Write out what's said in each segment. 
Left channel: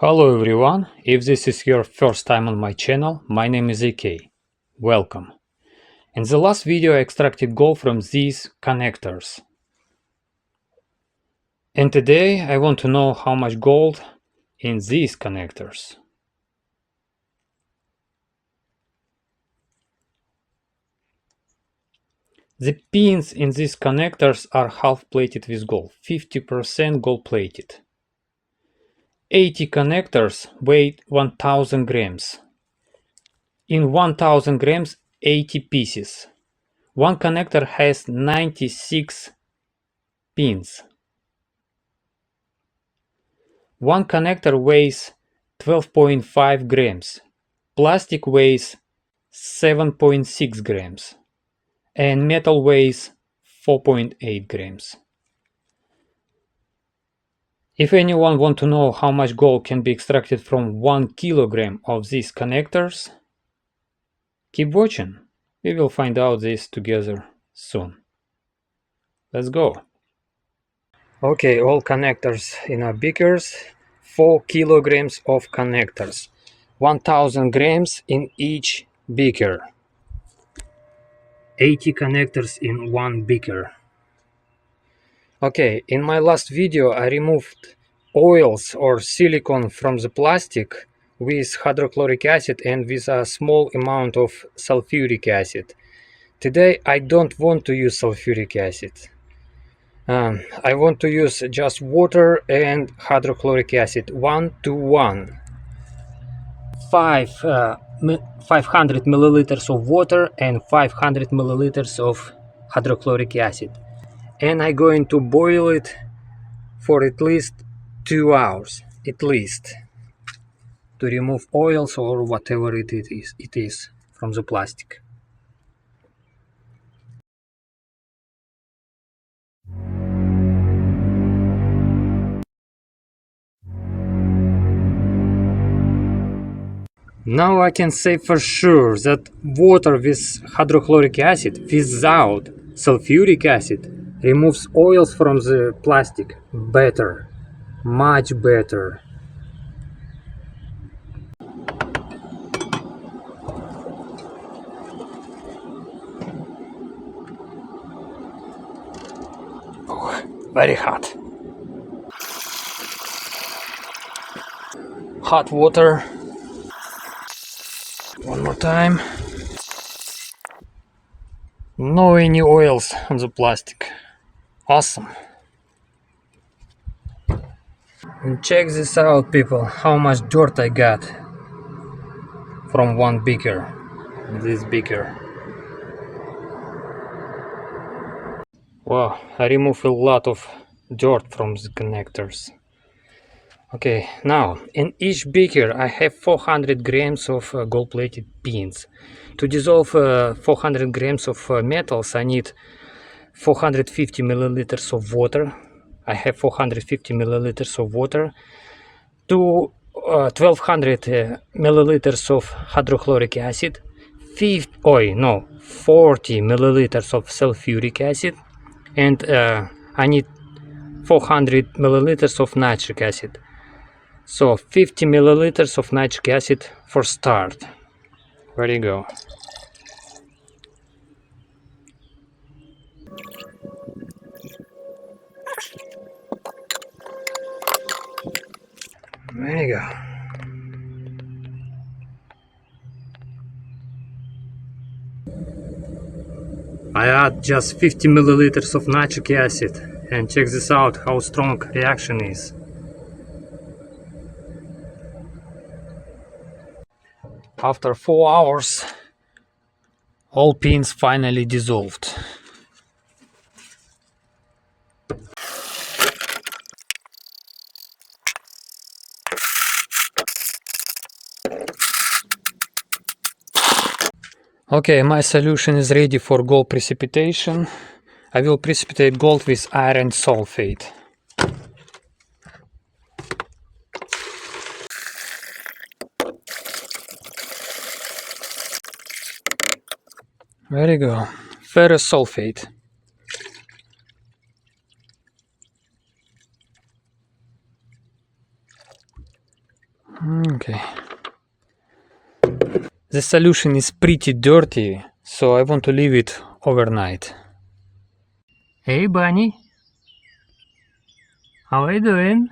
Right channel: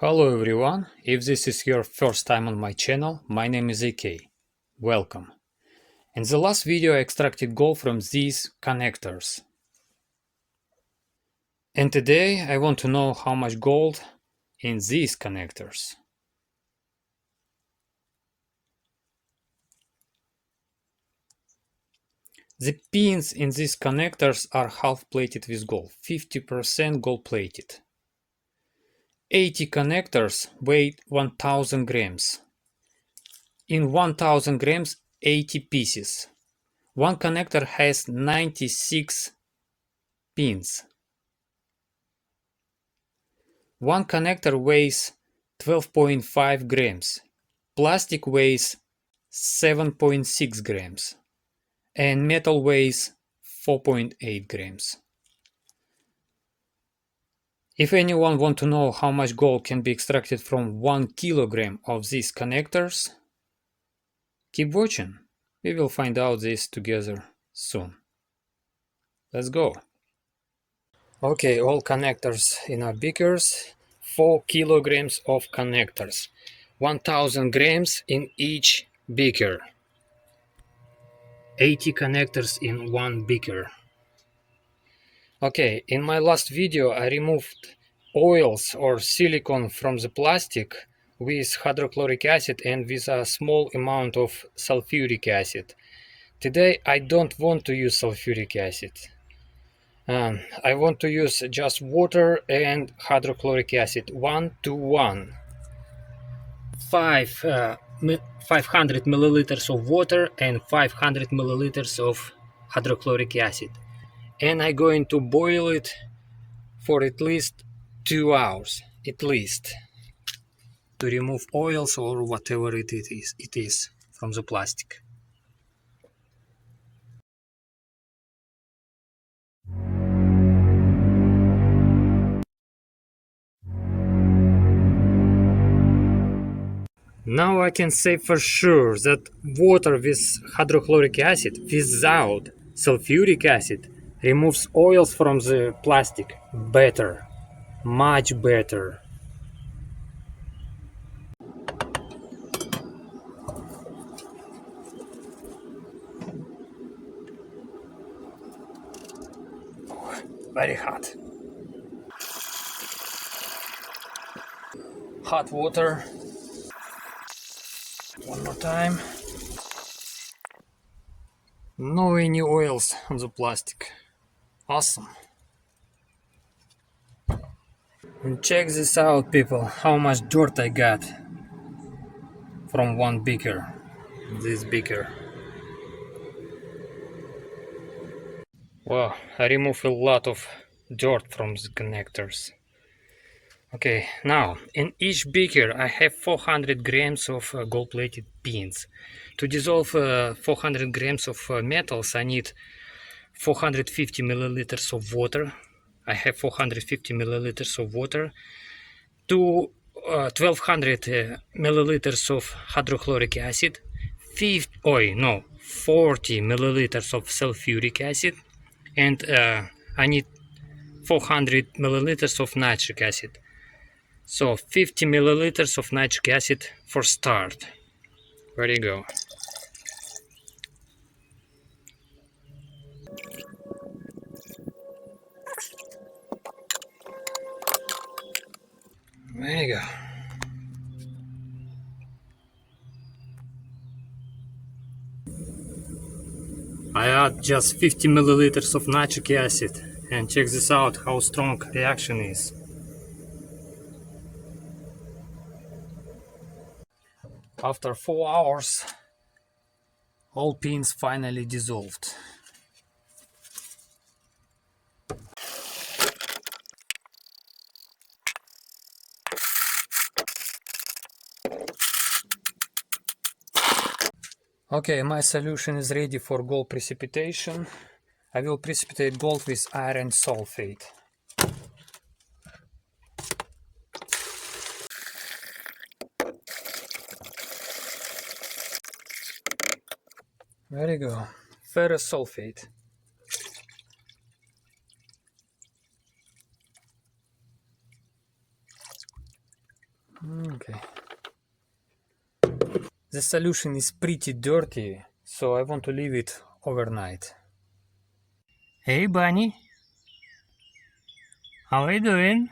Hello everyone, if this is your first time on my channel, my name is AK. Welcome. In the last video I extracted gold from these connectors. And today I want to know how much gold in these connectors. The pins in these connectors are half plated with gold, 50% gold plated. 80 connectors weigh 1000 grams. In 1000 grams, 80 pieces. One connector has 96 pins. One connector weighs 12.5 grams. Plastic weighs 7.6 grams. And metal weighs 4.8 grams. If anyone wants to know how much gold can be extracted from 1 kilogram of these connectors, keep watching. We will find out this together soon. Let's go. Okay, all connectors in our beakers. 4 kilograms of connectors. 1000 grams in each beaker. 80 connectors in one beaker. Okay, in my last video I removed oils or silicone from the plastic with hydrochloric acid and with a small amount of sulfuric acid. Today I don't want to use sulfuric acid. I want to use just water and hydrochloric acid 1:1. 500 milliliters of water and 500 milliliters of hydrochloric acid. And I'm going to boil it for at least 2 hours, at least, to remove oils or whatever it is from the plastic. Now I can say for sure that water with hydrochloric acid without sulfuric acid removes oils from the plastic better, much better. Oh, very hot. Hot water. One more time. No any oils on the plastic. Awesome. And check this out, people, how much dirt I got from one beaker, this beaker. Wow, I removed a lot of dirt from the connectors. Okay, now in each beaker I have 400 grams of gold-plated pins. To dissolve 400 grams of metals I need 450 milliliters of water. I have 450 milliliters of water. 1200 milliliters of hydrochloric acid, 40 milliliters of sulfuric acid, and I need 400 milliliters of nitric acid. So 50 milliliters of nitric acid for start. There you go. There you go. I add just 50 milliliters of nitric acid and check this out how strong reaction is. After 4 hours, all pins finally dissolved. Okay, my solution is ready for gold precipitation. I will precipitate gold with iron sulfate. There you go, ferrous sulfate. Okay. The solution is pretty dirty, so I want to leave it overnight. Hey bunny, how are you doing?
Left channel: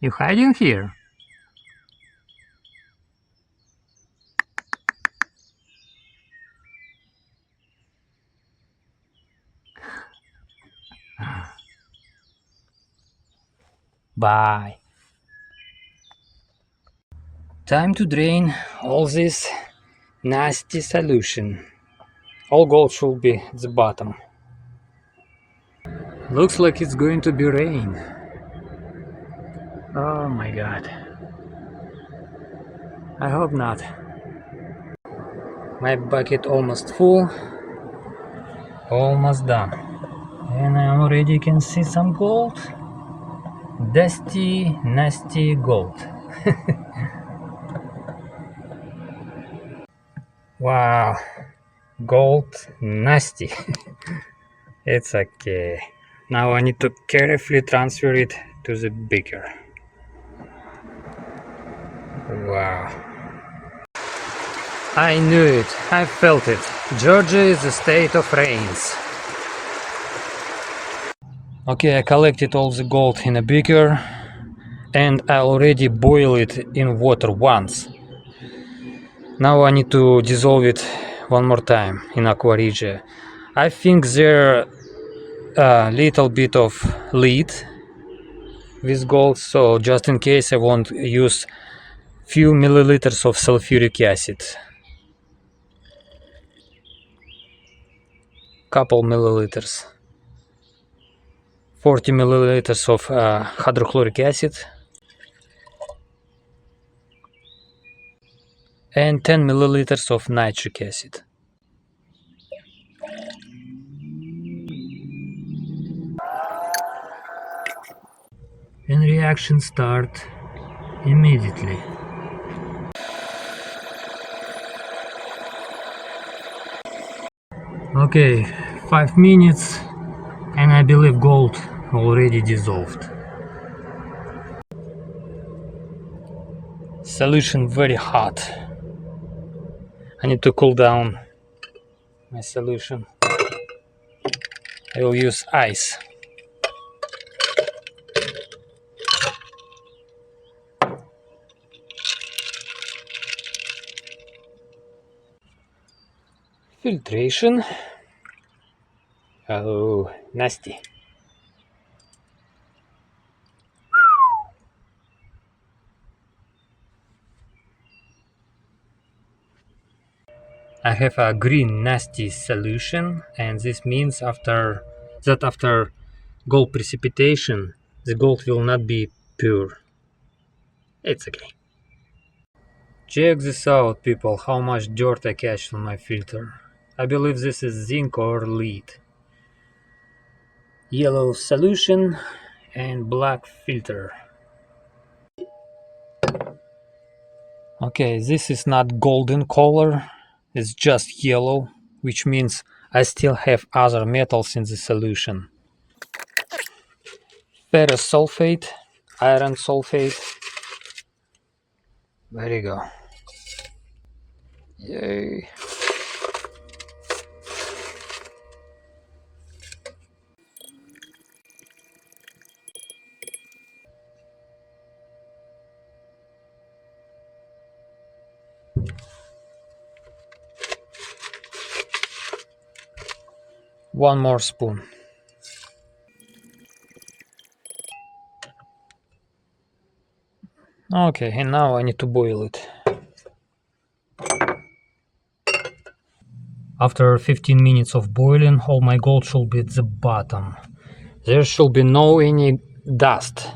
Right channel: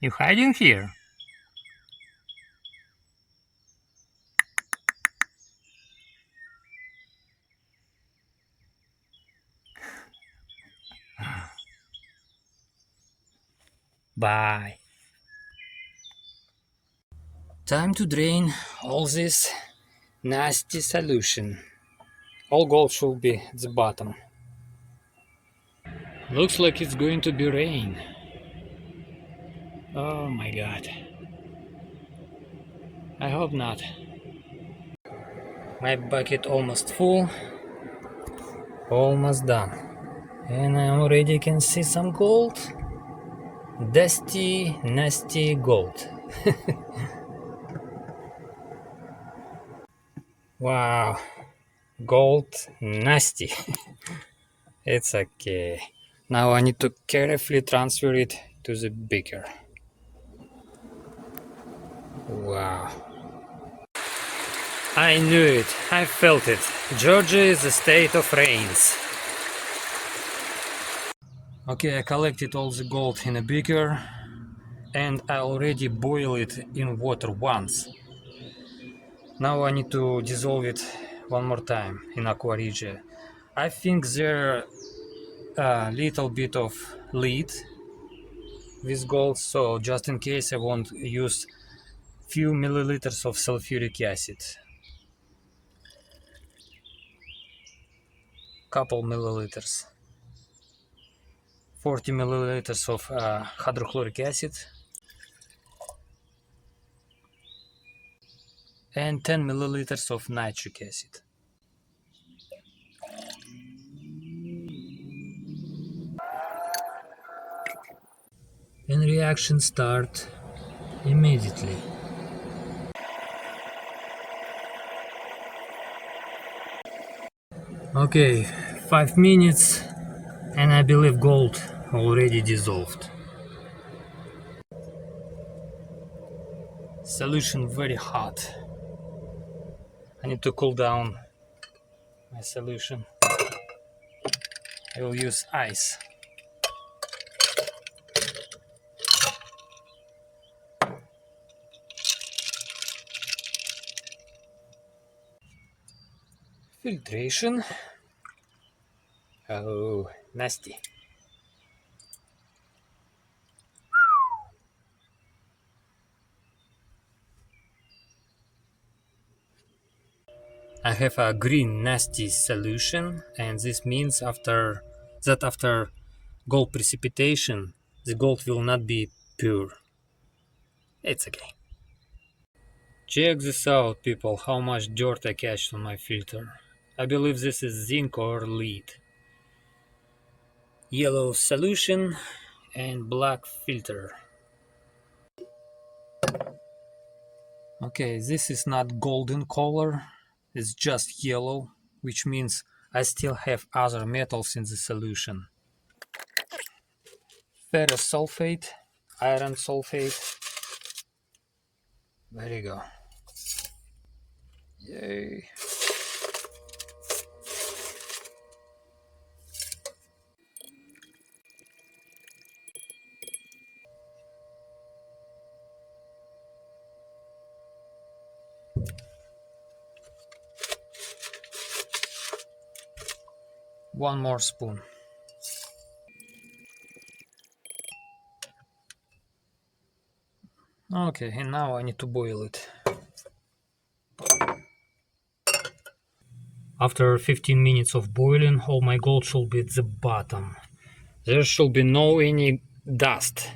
You hiding here? Bye. Time to drain all this nasty solution. All gold should be at the bottom. Looks like it's going to be rain. Oh my god. I hope not. My bucket almost full. Almost done. And I already can see some gold. Dusty, nasty gold. Wow. Gold nasty. It's okay. Now I need to carefully transfer it to the beaker. Wow. I knew it. I felt it. Georgia is a state of rains. Okay, I collected all the gold in a beaker and I already boiled it in water once. Now I need to dissolve it one more time in aqua regia. I think there a little bit of lead with gold, so just in case I won't use few milliliters of sulfuric acid. Couple milliliters. 40 milliliters of hydrochloric acid and 10 milliliters of nitric acid. And reaction start immediately. Okay, 5 minutes and I believe gold already dissolved. Solution very hot. I need to cool down my solution. I will use ice. Filtration. Oh, nasty. I have a green nasty solution, and this means after gold precipitation, the gold will not be pure. It's okay. Check this out, people, how much dirt I catch on my filter. I believe this is zinc or lead. Yellow solution and black filter. Okay, this is not golden color, it's just yellow, which means I still have other metals in the solution. Ferrous sulfate, iron sulfate. There you go. Yay. One more spoon. Okay, and now I need to boil it. After 15 minutes of boiling, all my gold should be at the bottom. There should be no any dust,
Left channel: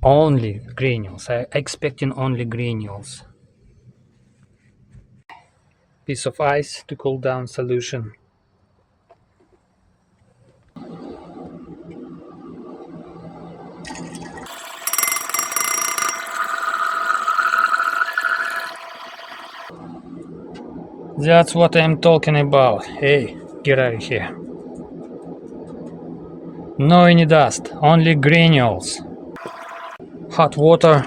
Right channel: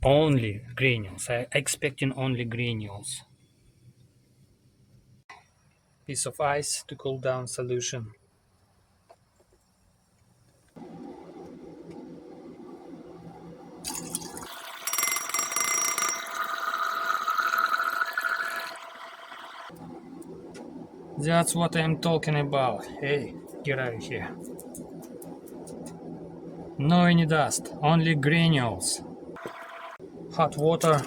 only granules. I'm expecting only granules. Piece of ice to cool down solution. That's what I'm talking about. Hey, get out of here. No any dust, only granules. Hot water.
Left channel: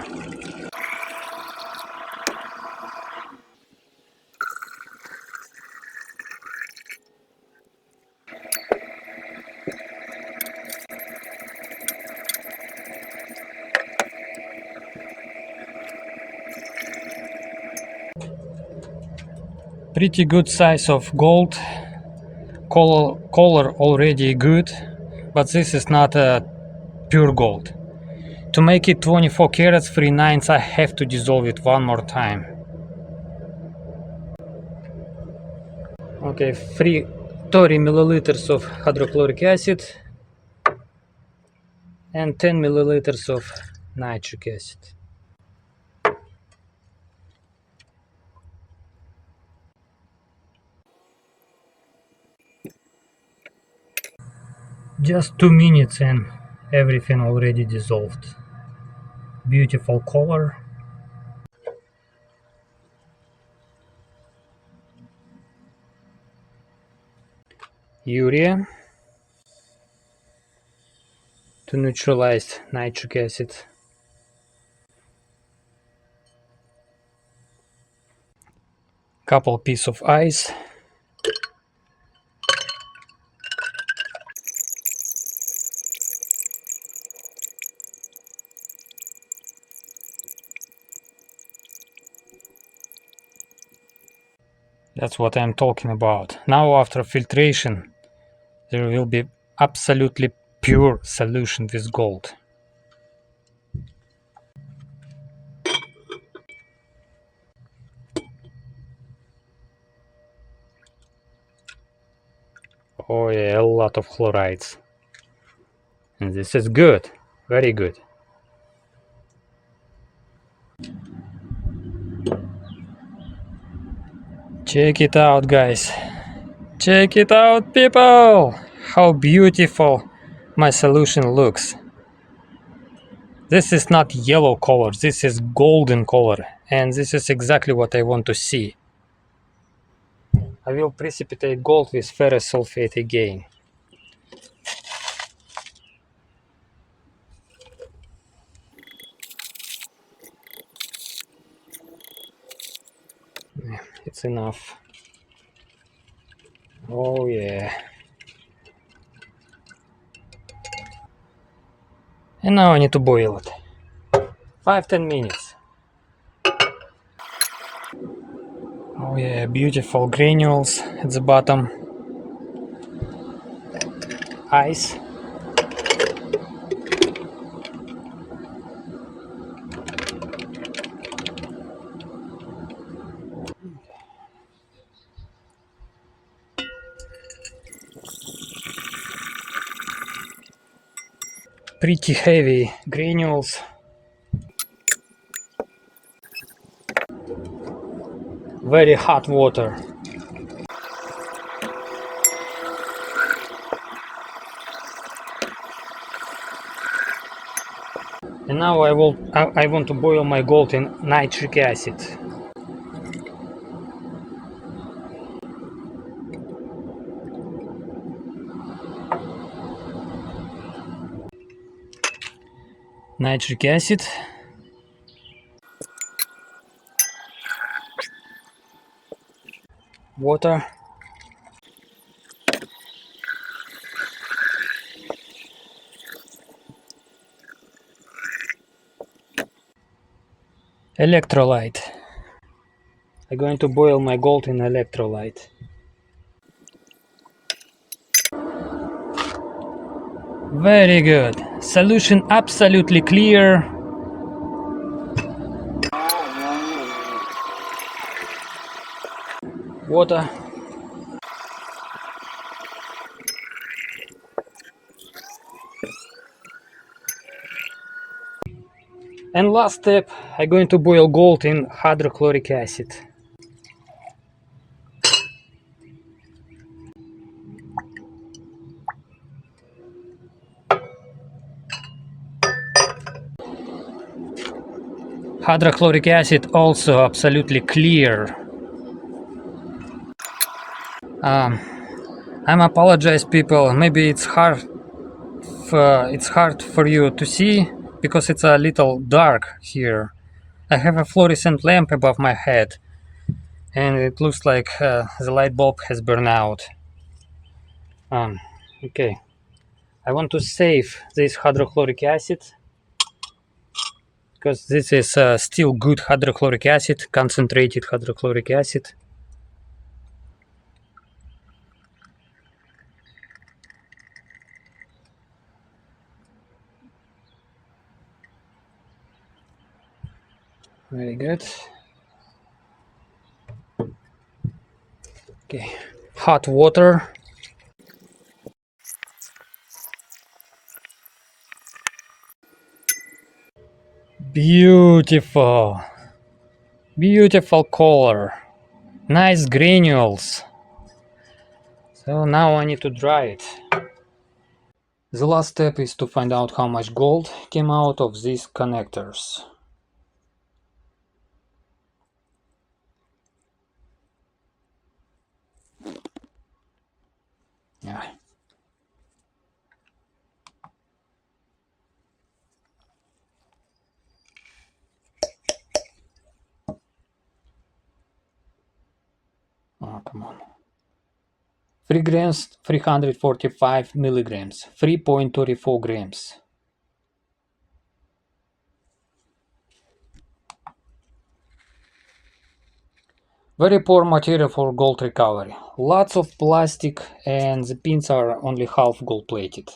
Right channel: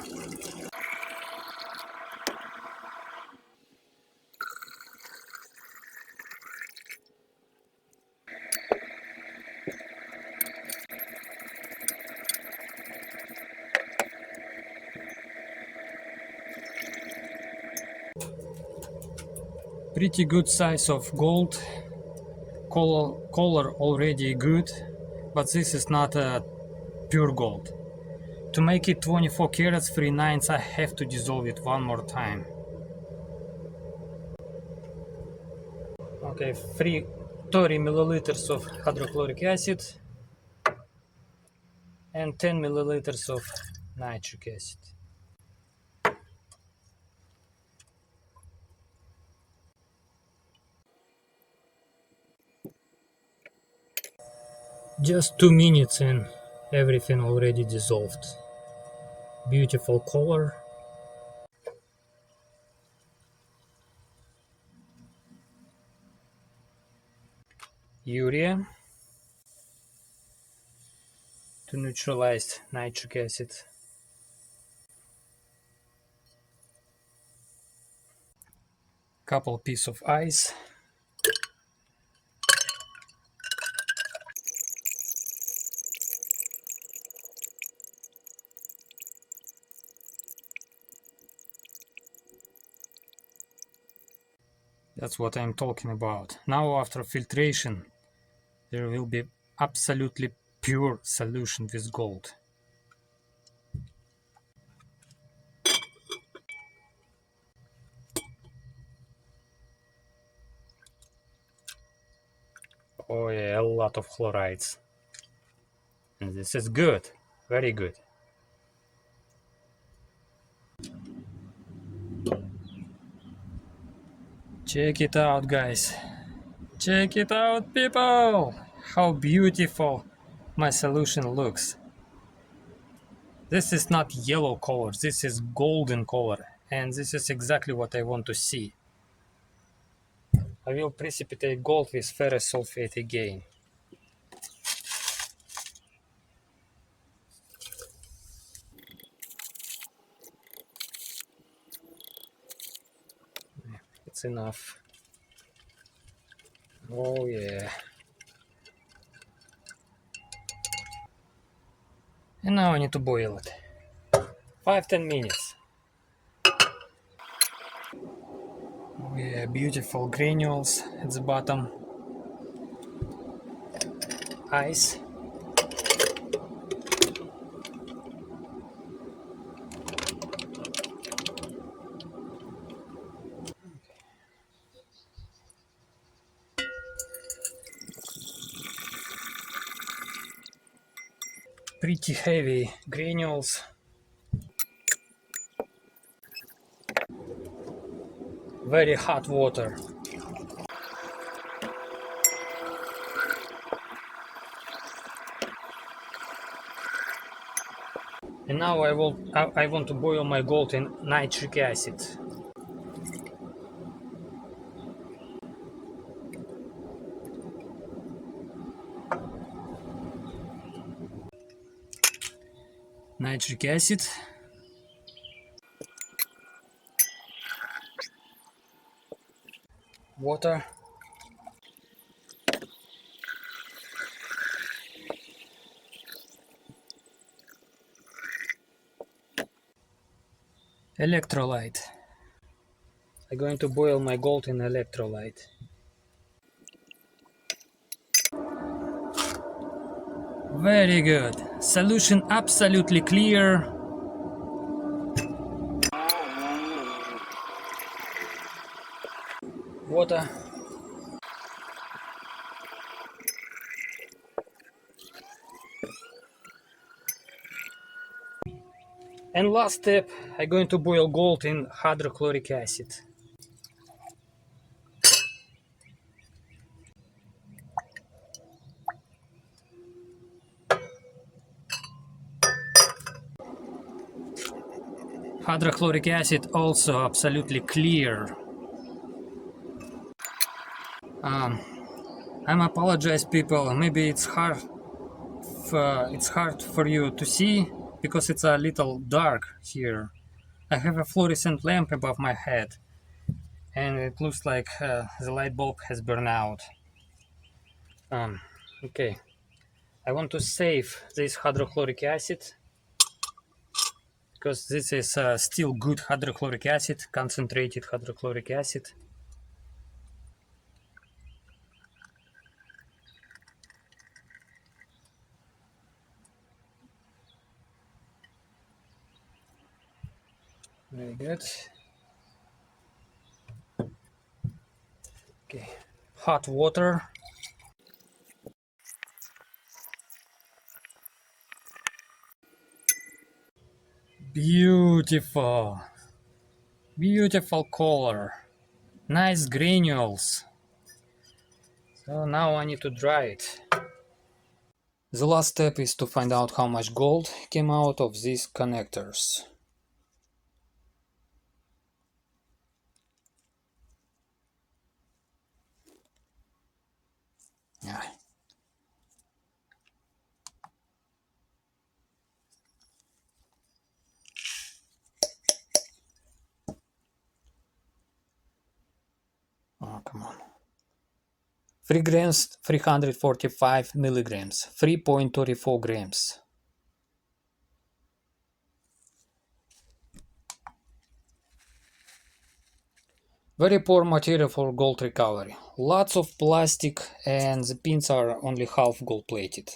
Pretty good size of gold. Color already good, but this is not a pure gold. To make it 24 carats 3/9, I have to dissolve it one more time. Okay, 30 milliliters of hydrochloric acid and 10 milliliters of nitric acid. Just 2 minutes and everything already dissolved. Beautiful color. Urea to neutralize nitric acid. Couple pieces of ice. That's what I'm talking about. Now after filtration, there will be absolutely pure solution with gold. Oh yeah, a lot of chlorides. And this is good, very good. Check it out, guys. Check it out, people! How beautiful my solution looks. This is not yellow color, this is golden color, and this is exactly what I want to see. I will precipitate gold with ferrous sulfate again. It's enough. Oh yeah. And now I need to boil it. 5-10 minutes. Oh yeah, beautiful granules at the bottom. Ice. Pretty heavy granules. Very hot water. And now I want to boil my gold in nitric acid. Nitric acid. Water. Electrolyte. I'm going to boil my gold in electrolyte. Very good. Solution absolutely clear. Water. And last step, I'm going to boil gold in hydrochloric acid. Hydrochloric acid also absolutely clear. I'm apologize, people. Maybe it's hard for you to see because it's a little dark here. I have a fluorescent lamp above my head, and it looks like the light bulb has burned out. Okay, I want to save this hydrochloric acid because this is still good hydrochloric acid, concentrated hydrochloric acid. Very good. Okay, hot water. Beautiful. Beautiful color. Nice granules. So now I need to dry it. The last step is to find out how much gold came out of these connectors. Yeah. Oh, come on. 3 grams, 345 milligrams, 3.34 grams. Very poor material for gold recovery. Lots of plastic and the pins are only half gold plated.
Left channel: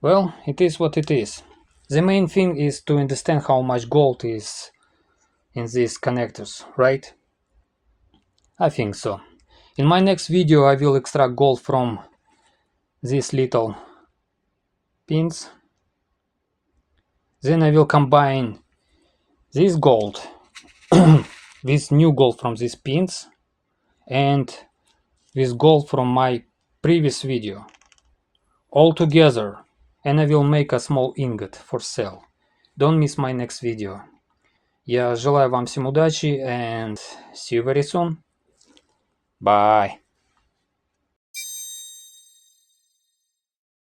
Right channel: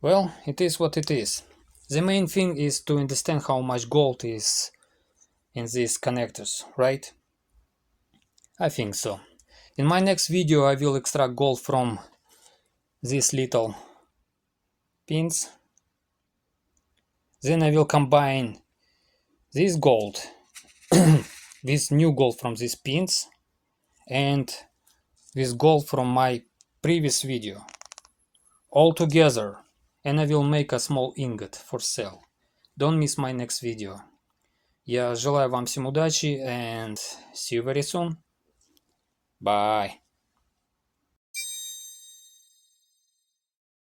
Well, it is what it is. The main thing is to understand how much gold is in these connectors, right? I think so. In my next video I will extract gold from these little pins. Then I will combine this gold, this new gold from these pins, and this gold from my previous video, all together, and I will make a small ingot for sale. Don't miss my next video. Я желаю вам всем удачи and see you very soon. Bye.